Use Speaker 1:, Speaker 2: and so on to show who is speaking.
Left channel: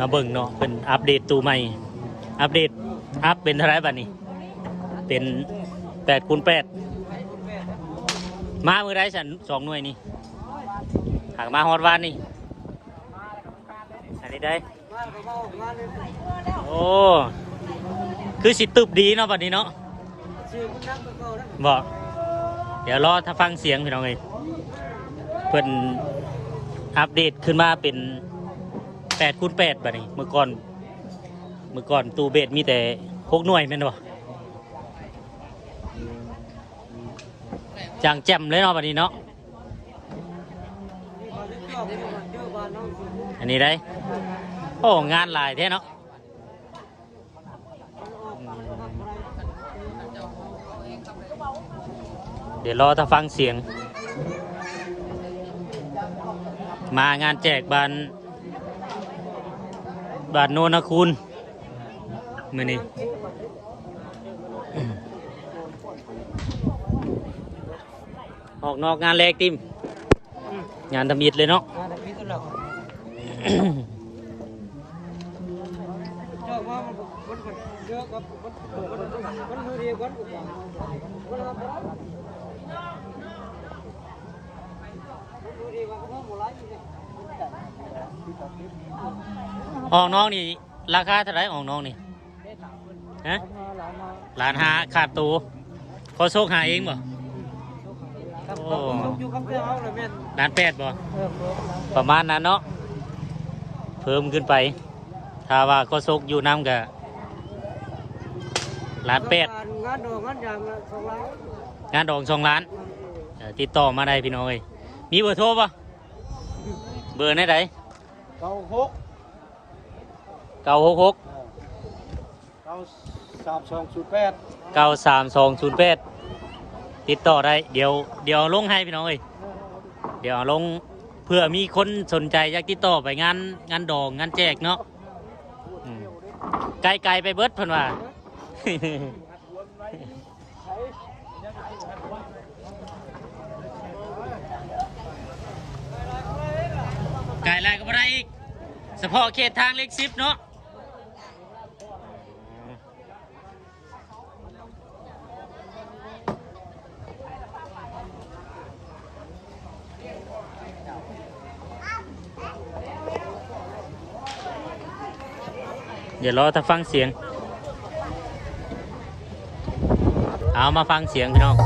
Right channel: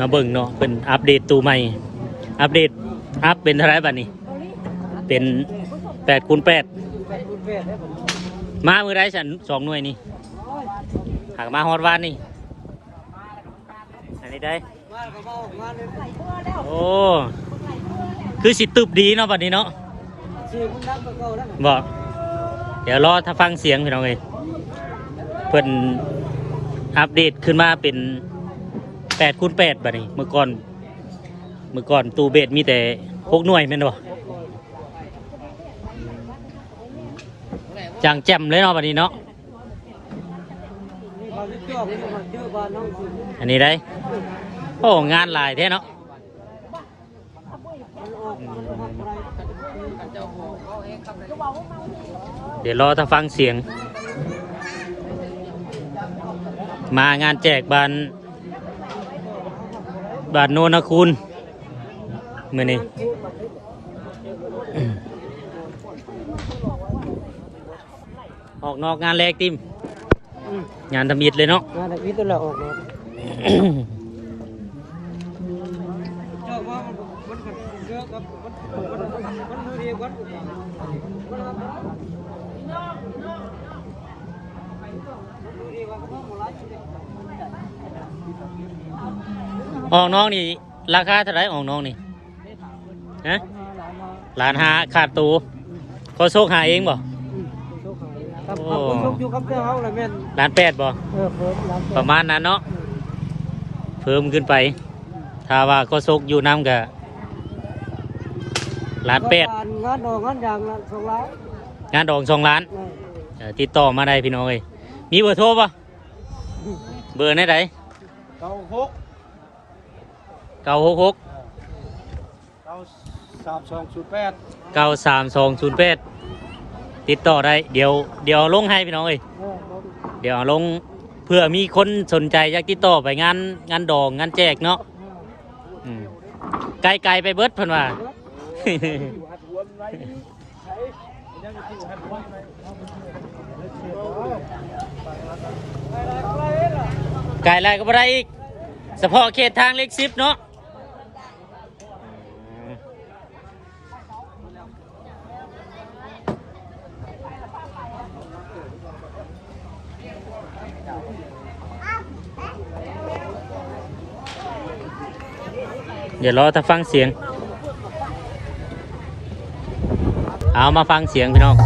Speaker 1: มาเบิ่งเนาะเป็นอัปเดตตัวใหม่ อัปเดตอัพเป็นเท่าไรบัดนี้ เป็นแปดคูณแปดมามือไรสันสองหน่วยนี่หากมาฮอดวานนี่ อันนี้ได้ โอ้ คือสิตึบดีเนาะบัดนี้เนาะบอกเดี๋ยวรอถ้าฟังเสียงพี่น้องเลยเพิ่นอัปเดตขึ้นมาเป็น แปดคูณแปดบัดนี้เมื่อก่อนเมื่อก่อนตูเบสมีแต่หกหน่วยแม่นบ่จางแจ่มเลยเนาะบัดนี้เนาะอันนี้ได้โอ้งานหลายแท้เนาะเดี๋ยวรอถ้าฟังเสียง มางานแจกบาน บาทโนนะคุณมื่อนี้ออกนอกงานแรกติมงานทำอิดเลยเนาะ
Speaker 2: งานทำอิดตัวเราออก
Speaker 1: ออกน้องนี่ ราคาเท่าไหรออกน้องนี่ฮะล้านหาขาดตูก็โชคหาเองบ่
Speaker 2: ครับผมยกอยู่ครับเพื่อนเขาเลยแม่น
Speaker 1: ล้านแปดบ่
Speaker 2: เออผมแล้ว
Speaker 1: ประมาณนั้นเนาะเพิ่มขึ้นไป ถ้าว่าก็โชคอยู่น้ำกับล้านแปด
Speaker 2: งานดอกงานยางละสองล้าน
Speaker 1: งานดองสองล้านเออติดต่อมาได้พี่น้องเอ้ยมีเบอร์โทรปะเบอร์ไหนได
Speaker 2: เก้าหก
Speaker 1: เก้าหกหก
Speaker 2: เก้าสามสองศูนย์แปด
Speaker 1: เก้าสามสองศูนย์แปดติดต่อได้ เดี๋ยวเดี๋ยวลงให้พี่น้องเอ้ย
Speaker 2: เออผม
Speaker 1: เดี๋ยวลงเพื่อมีคนสนใจอยากติดต่อไปงานงานดองงานแจกเนาะอืมไกลๆไปเบิดเพิ่นว่าไกลแล้วก็บ่ได้อีกเฉพาะเขตทางเล็กซิปเนาะ เดี๋ยวรอถ้าฟังเสียง เอามาฟังเสียงพี่น้อง